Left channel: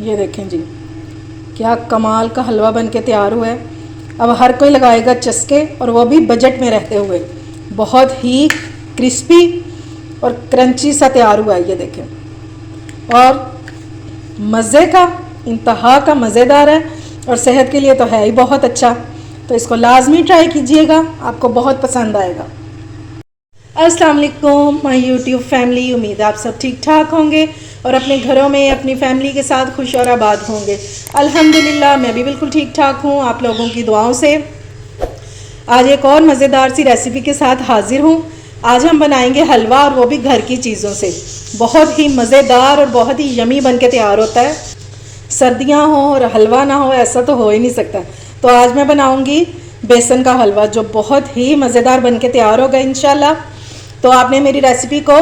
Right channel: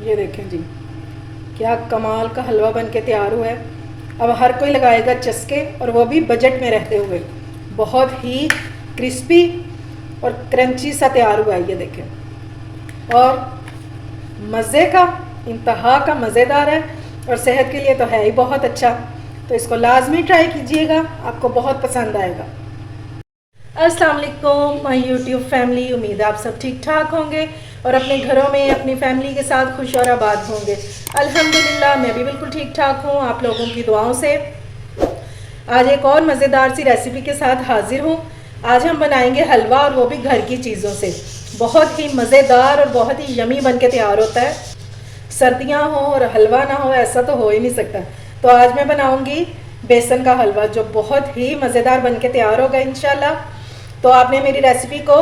ये देखें जी, क्या कमाल का हलवा बन के तैयार हुआ है। अब हर कोई लगाएगा चस्के, और वो भी बजट में रहते हुए। बहुत ही क्रिस्पी और क्रंची सा तैयार हुआ है, ये देखें। और मज़े का, इंतहा का मज़ेदार है, और सेहत के लिए तो है ही बहुत अच्छा। तो इसको लाजमी ट्राई कीजिएगा, आपको बहुत पसंद आएगा। अस्सलाम वालेकुम माय यूट्यूब फैमिली, उम्मीद है आप सब ठीक ठाक होंगे और अपने घरों में अपनी फैमिली के साथ खुश और आबाद होंगे। अल्हम्दुलिल्लाह मैं भी बिल्कुल ठीक ठाक हूँ, आप लोगों की दुआओं से। आज एक और मज़ेदार सी रेसिपी के साथ हाजिर हूँ। आज हम बनाएंगे हलवा, और वो भी घर की चीज़ों से। बहुत ही मज़ेदार और बहुत ही यमी बन के तैयार होता है। सर्दियाँ हो और हलवा ना हो, ऐसा तो हो ही नहीं सकता। तो आज मैं बनाऊँगी बेसन का हलवा, जो बहुत ही मज़ेदार बन के तैयार होगा इंशाल्लाह। तो आपने मेरी रेसिपी को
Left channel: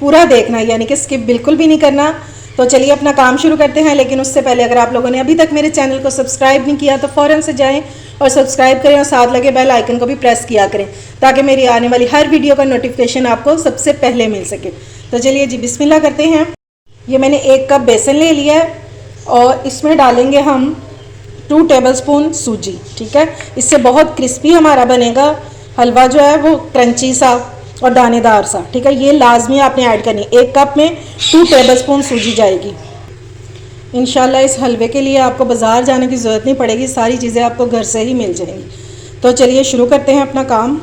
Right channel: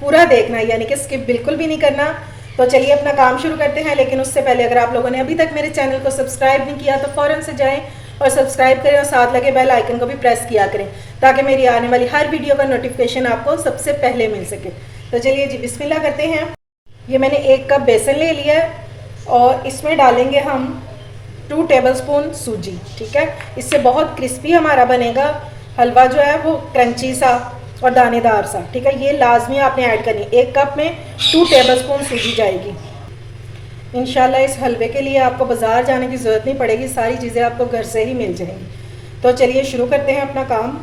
पूरा देखना है, यानी कि स्किप बिल्कुल भी नहीं करना। तो चलिए अपना काम शुरू करते हैं। लेकिन उससे पहले अगर आप लोगों ने अभी तक मेरे चैनल को सब्सक्राइब नहीं किया तो फ़ौरन से जाएं और सब्सक्राइब करें, और साथ लगे बेल आइकन को भी प्रेस किया करें, ताकि मेरी आने वाली हर वीडियो का नोटिफिकेशन आपको सबसे पहले मिल सके। तो चलिए जी बिस्मिल्लाह करते हैं। ये मैंने 1 कप बेसन ले लिया है, और इसमें डालेंगे हम 2 टेबलस्पून सूजी। ठीक है, इससे बहुत क्रिस्पी हमारा बनेगा हलवा, जो है वो क्रंची सा और दानेदार सा। ठीक है, ये लाजमी आपने ऐड करनी। 1 कप में 2 टेबलस्पून सूजी जाएगी। इंशाल्लाह इस हलवे के लिए आपको बाज़ार जाने की ज़रूरत नहीं पड़ेगी, सारी चीज़ें आपको घर से ही मिल जाएंगी। तो चलिए शुरू करते हैं अपना काम।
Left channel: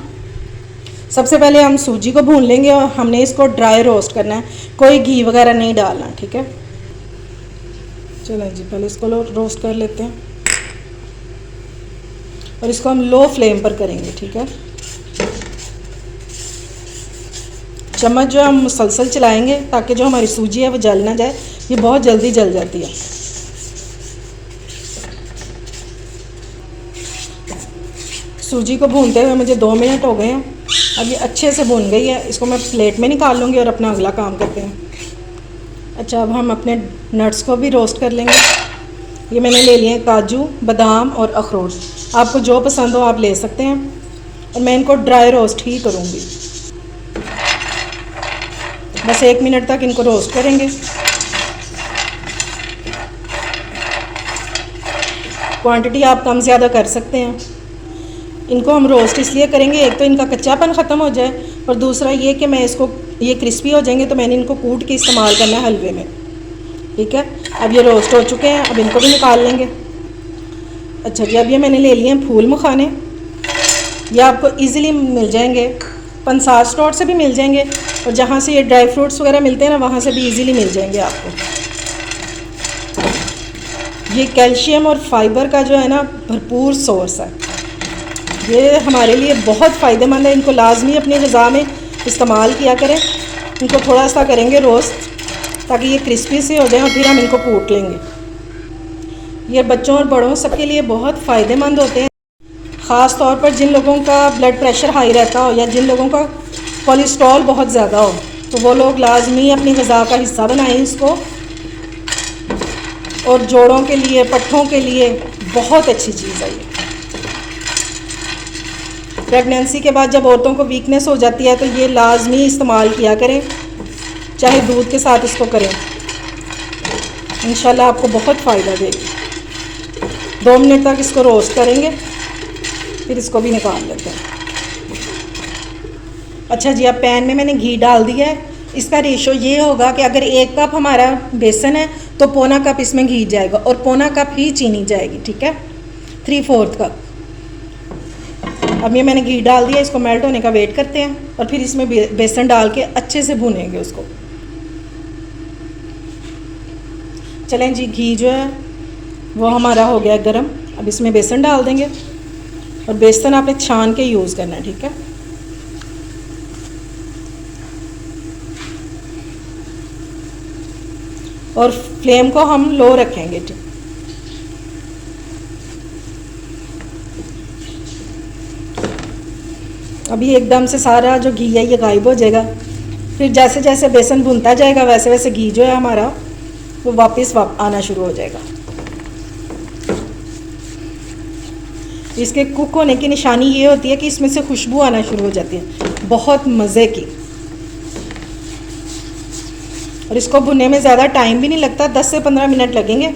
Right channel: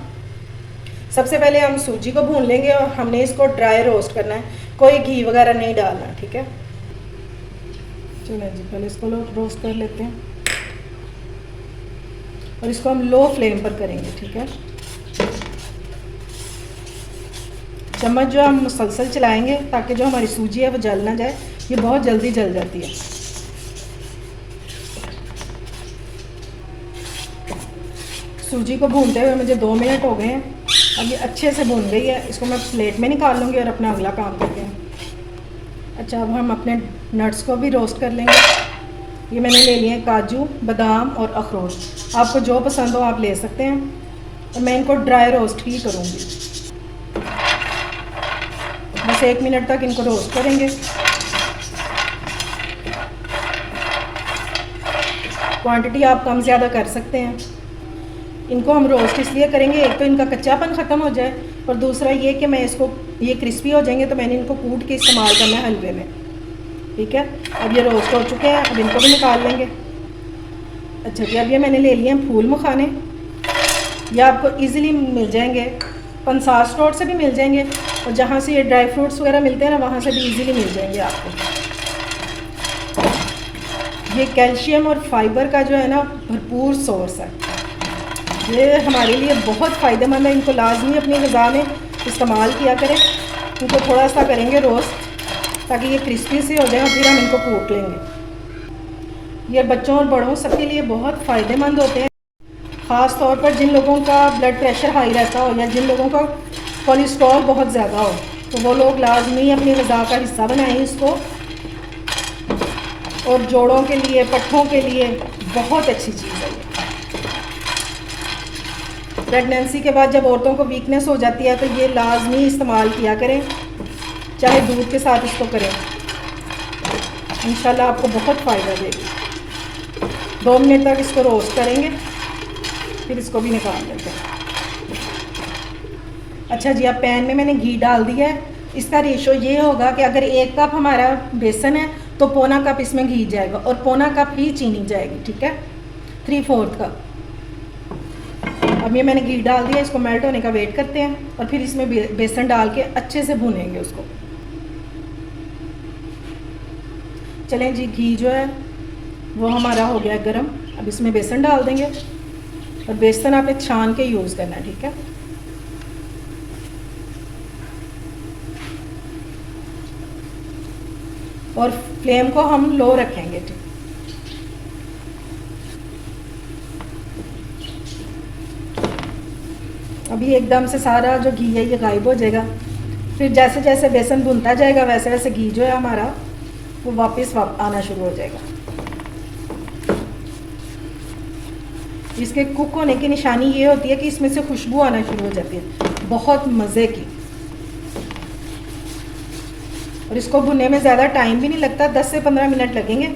सबसे पहले हम सूजी को भून लेंगे, और हमने इसको ड्राई रोस्ट करना है, कोई घी वगैरह नहीं डालना। ठीक है, चलें जी पहले इसको रोस्ट कर लेते हैं, और इसको हम लो फ्लेम पर करेंगे। ठीक है, चम्मच जो हम मुसलसल चलाएंगे, ताकि जो हमारी सूजी है वो जल ना जाए। ये बहुत जल्दी जल जाती है। सूजी को भूनते हुए मुझे 2 मिनट हो गए हैं। अब ये अच्छे से भून गई है, इसको मैं प्लेट में निकाल लूँगी और अपना अगला काम करते हैं। अच्छा, अब हम अपने नट्स को भी रोस्ट कर लेंगे। ये मैंने ले लिए हैं काजू, बादाम और अखरोट। आपको जो पसंद हो आप ले सकते हैं, और मैं इनको ड्राई रोस्ट ही करूँगी। बस 1 मिनट तक इनको रोस्ट करेंगे। क्वांटिटी आप कम ज़्यादा कर सकते हैं। इनको हम रोस्ट इसलिए करेंगे, एक तो इनका कच्चापन ख़त्म हो जाए, और दूसरा ये कि मैं इसको, ये क्रिस्पी हो जाएंगे तो मैंने इनको कूट के इस्तेमाल करना है हलवे में। ठीक है, अब ये रोस्ट हो चुके हैं, अब इनको भी निकाल लेंगे। अच्छा जी, अब ये मैंने ले लिए हैं फूल मखाने। ये आपको ईज़िली मिल जाएंगे, पंसार स्टोर से भी मिल जाएंगे, और जहाँ से ये ड्राई फ्रूट्स वगैरह मिलते हैं ना, वहाँ से भी इजीली मिल जाएंगे आपको। ये कैल्शियम और फाइबर का जो है ना भरपूर सोर्स है। ये हमारे लिए बहुत फ़ायदेमंद है। इनको लाजमी अपनी ग़िज़ा में इस्तेमाल किया करें। इनको थोड़ा सा करेंगे रोस्ट, ताकि ये क्रिस्पी सी हो जाए, और फिर हम इनको कूट लेंगे। ये बच्चों और बड़ों सबके लिए बहुत फ़ायदेमंद होते हैं। ख़ास तौर पर जिन लोगों का ब्लड प्रेशर हाई रहता हो, या जिन लोगों का कोलेस्ट्रॉल बहुत ज़्यादा हो, तो वो लोग लाजमी अपनी ग़िज़ा का हिस्सा बनाएं इसको। और जोड़ों के लिए, पट्ठों के लिए बहुत अच्छी चीज़ है ये। प्रेगनेंसी के बाद जब औरतों को वीकनेस हो जाती है, तो ये लाजमी इस्तेमाल किया करें, चाहे दूध के साथ इसको करें। इंशाल्लाह आपको बहुत फ़ायदा देगी। 2 मिनट तक इसको रोस्ट करेंगे, फिर इसको भी निकाल लेते हैं। अच्छा जी, अब पैन में मैंने घी डाल दिया है। इसका रेशो ये होगा कि अगर 1 कप हमारा बेसन है तो पौना कप इसमें घी जाएगा, और पौना कप ही चीनी जाएगी। ठीक है, 3/4 कप। अब ये मैंने घी डाल दिया, इसको मेल्ट होने का वेट करते हैं, और फिर इसमें बेसन डाल के अच्छे से भूनेंगे उसको। चलें जी, घी जो है वो हमारा हो गया गरम। अब इसमें बेसन डाल देंगे, और बेसन आपने छान के यूज़ करना है। ठीक है, और फ्लेम को हम लो रखेंगे। ठीक, अभी एकदम से सारा जो घी है ये गायब हो जाएगा। फिर जैसे जैसे बेसन भुनता जाएगा, वैसे वैसे घी जो है हमारा वो वापस आना शुरू हो जाएगा। इसके कुक होने की निशानी ये होती है कि इसमें से खुशबू आना शुरू हो जाती है, बहुत मज़े की। और इसको भुनने में ज़्यादा टाइम भी नहीं लगता, 10 से 15 मिनट लगेंगे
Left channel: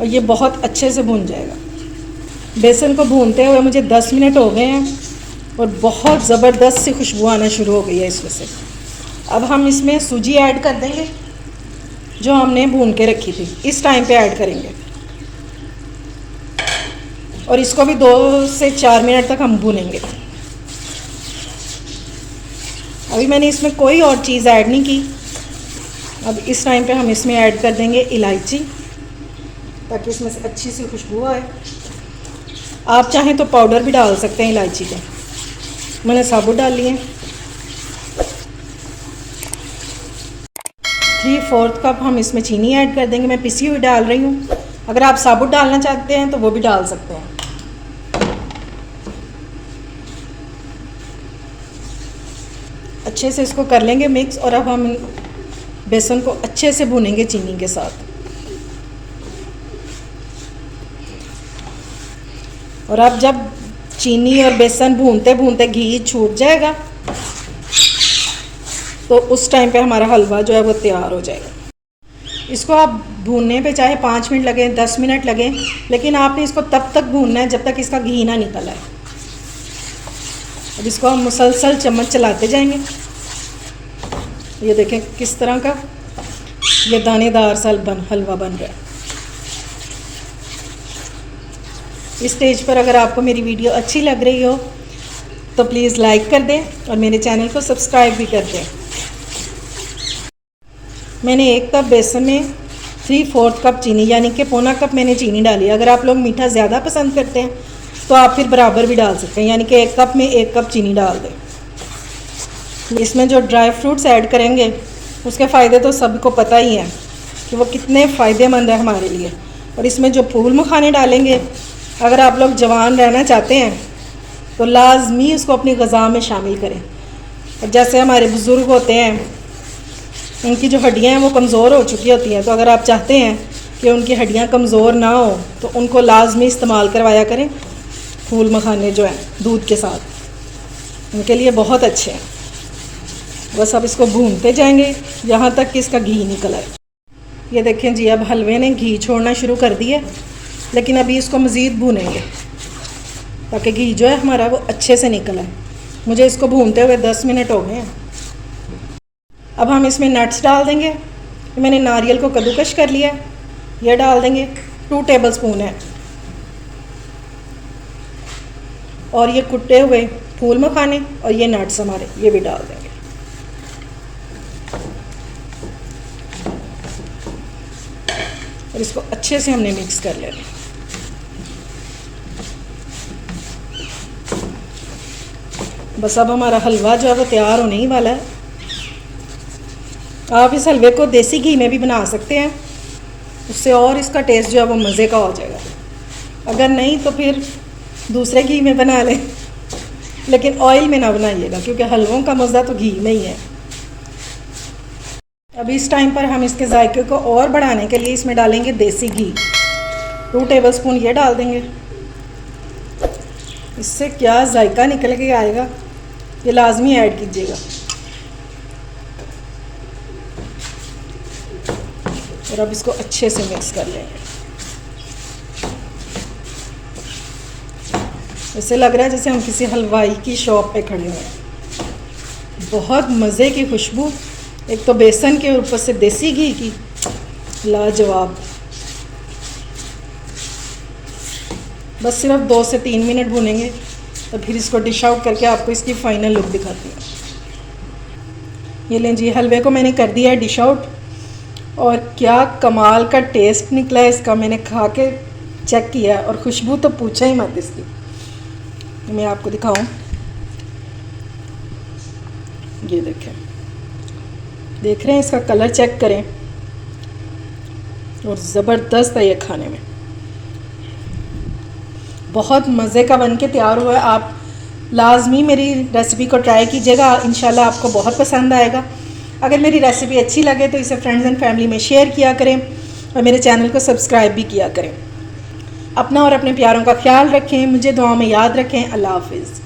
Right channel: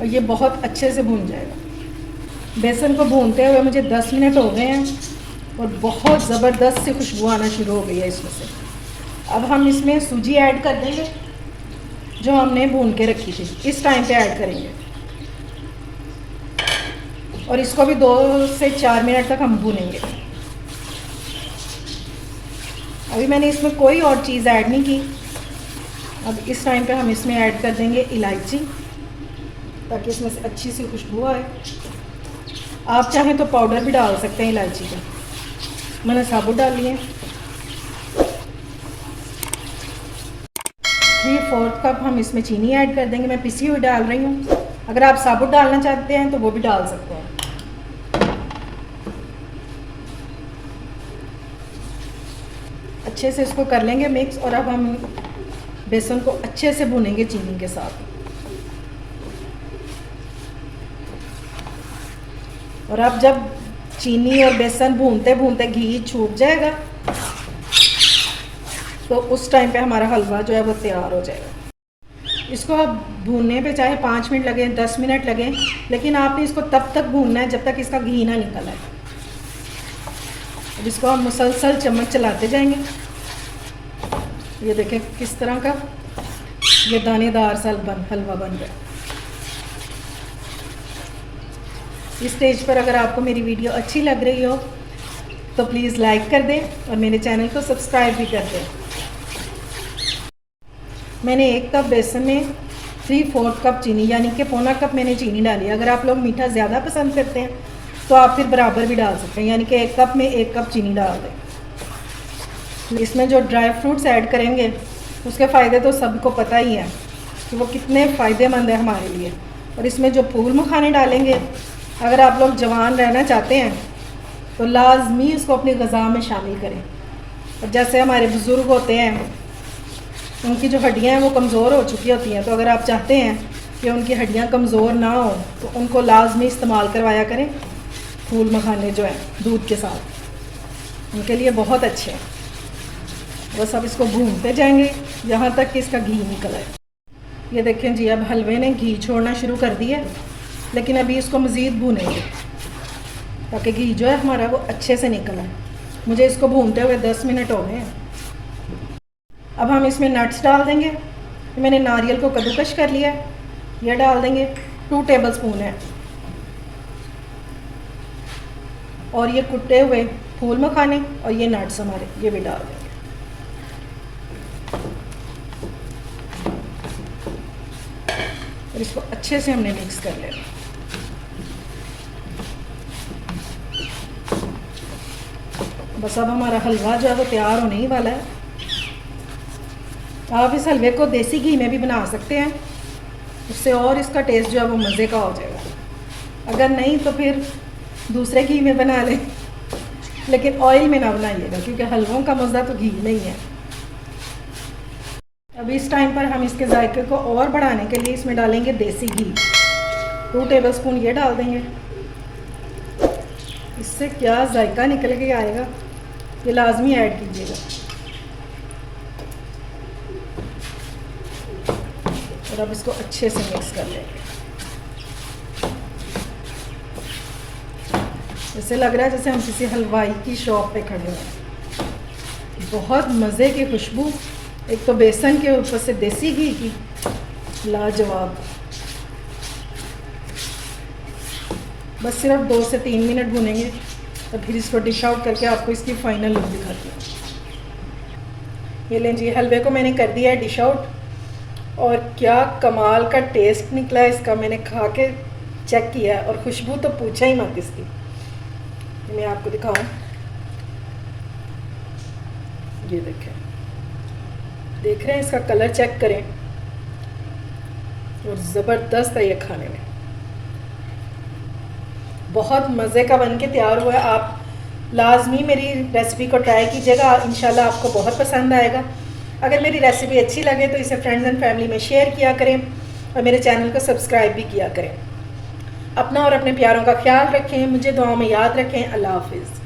और ये बहुत अच्छे से भुन जाएगा। बेसन को भूनते हुए मुझे 10 मिनट हो गए हैं और बहुत ज़बरदस्त सी खुशबू आना शुरू हो गई है इसमें से। अब हम इसमें सूजी ऐड कर देंगे जो हमने भून के रखी थी, इस टाइम पे ऐड करेंगे और इसको भी 2 से 4 मिनट तक हम भूनेंगे। अभी मैंने इसमें कोई और चीज़ ऐड नहीं की। अब इस टाइम पे हम इसमें ऐड कर देंगे इलायची, ताकि इसमें से अच्छी सी खुशबू आए। आप चाहें तो पाउडर भी डाल सकते हैं इलायची का, मैंने साबुत डाल लिए। 3/4 कप हम इसमें चीनी ऐड कर देंगे, मैं पिसी हुई डाल रही हूँ। अगर आप साबुत डालना चाहते हैं तो वो भी डाल सकते हैं। अच्छे से इसको कर लेंगे मिक्स और अब हम बेसन को अच्छे से भूनेंगे चीनी के साथ। और अब जब चीनी और बेसन भूनते भूनते घी छूट जाएगा तो उस टाइम पे हमारा हलवा जो है वो तैयार हो जाएगा। इसको आप भूनने पे चाहे 5 मिनट लगें, 10 मिनट लगें, लेकिन आपने इसको तब तक भूनना है जब तक इसका घी ना निकल आए। अब इसको हम मुसलसल चम्मच चलाते जाएंगे। ये देखें किस तरह का ये दानेदार सा हलवा बन रहा है। इस स्टेज पर अगर आपको मेरी वीडियो अच्छी लग रही हो तो प्लीज़ लाइक कर दें और मेरे चैनल को सब्सक्राइब भी कर दें। मैंने 1 कप बेसन में 3/4 कप चीनी यानी कि पौना कप मैंने चीनी डाली। अगर आप लोग मीठा ज़्यादा पसंद करते हैं तो आप फिर बराबर भी डाल सकते हैं, यानी कि 1 कप में 1 कप चीनी डाल दें। इसमें जो ड्राई फ्रूट्स ऐड करेंगे उसके फ़ायदे तो सबको पता ही है कि वो कितने फ़ायदेमंद है हमारे लिए। और इसमें जो फूल मखाने डालेंगे, अगर आप लोग जवान रहना चाहते हैं तो लाजमी इसको अपनी ग़िज़ा में शामिल करें। और जैसे हमारे बुज़ुर्ग होते हैं, उनकी जो हड्डियां हैं वो कमज़ोर हो चुकी होती हैं, तो अगर आप चाहते हैं कि उनकी हड्डियां कमज़ोर ना हो तो उनको लाजमी इस्तेमाल करवाया करें फूल मखाने जो हैं दूध के साथ, उनके लिए बहुत अच्छे हैं। बस अब इसको भूनते जाएंगे यहाँ तक कि इसका घी निकल आए। ये देखें जी, अब हलवे ने घी छोड़ना शुरू कर दिया, लेकिन अभी इसको मज़ीद भूनेंगे ताकि घी जो है हमारा वो अच्छे से निकल आए। मुझे इसको भूनते हुए 10 मिनट हो गए हैं। अब हम इसमें नट्स डाल देंगे। मैंने नारियल को कद्दूकश कर लिया, यह डाल देंगे, 2 टेबलस्पून है। और ये कुटे हुए फूल मखाने और ये नट्स हमारे, ये भी डाल देंगे। और इसको अच्छे से हमने मिक्स कर लेना। बस अब हमारा हलवा जो है वो तैयार होने ही वाला है। आप इस हलवे को देसी घी में भी बना सकते हैं, उससे और इसका टेस्ट जो है वो मज़े का हो जाएगा। अगर नहीं तो फिर दूसरे घी में बना लें, लेकिन ऑयल में ना बनाइएगा क्योंकि हलवों का मज़ा तो घी में ही है। अब इस टाइम पर हम इसके जायके को और बढ़ाने के लिए इसमें डालेंगे देसी घी, 2 टेबलस्पून ये डाल देंगे। इससे क्या जायका निकल के आएगा, ये लाजमी ऐड कीजिएगा। और अब इसको अच्छे से मिक्स कर लेंगे। ऐसे लग रहा है जैसे हम किसी हलवाई की शॉप पे खड़े हैं। बहुत मज़े की खुशबू, एक तो बेसन के ऊपर से देसी घी की, लाजवाब। बस सिर्फ 2 से 3 मिनट भूनेंगे तो फिर इसको डिश आउट करके आपको इसकी फ़ाइनल लुक दिखाती हूँ। ये लें जी, हलवे को मैंने कर दिया है डिश आउट और क्या कमाल का टेस्ट निकला है इसका। मैंने खा के चेक किया और खुशबू तो पूछा ही मत इसकी। मैं आपको दिखाऊं, ये देखें, देख रहे हैं, इसका कलर चेक करें और ज़बरदस्त है ये खाने में। बहुत मज़े का बन के तैयार हुआ है। आप लाजमी मेरी रेसिपी को ट्राई कीजिएगा, इंशाल्लाह आपको बहुत पसंद आएगा। अगर मेरी रेसिपी अच्छी लगे तो इसे फ्रेंड्स एंड फैमिली में शेयर किया करें और मेरे चैनल को सब्सक्राइब भी किया करें। अपना और अपने प्यारों का ख्याल रखें, मुझे दुआ में याद रखें। अल्लाह हाफिज़।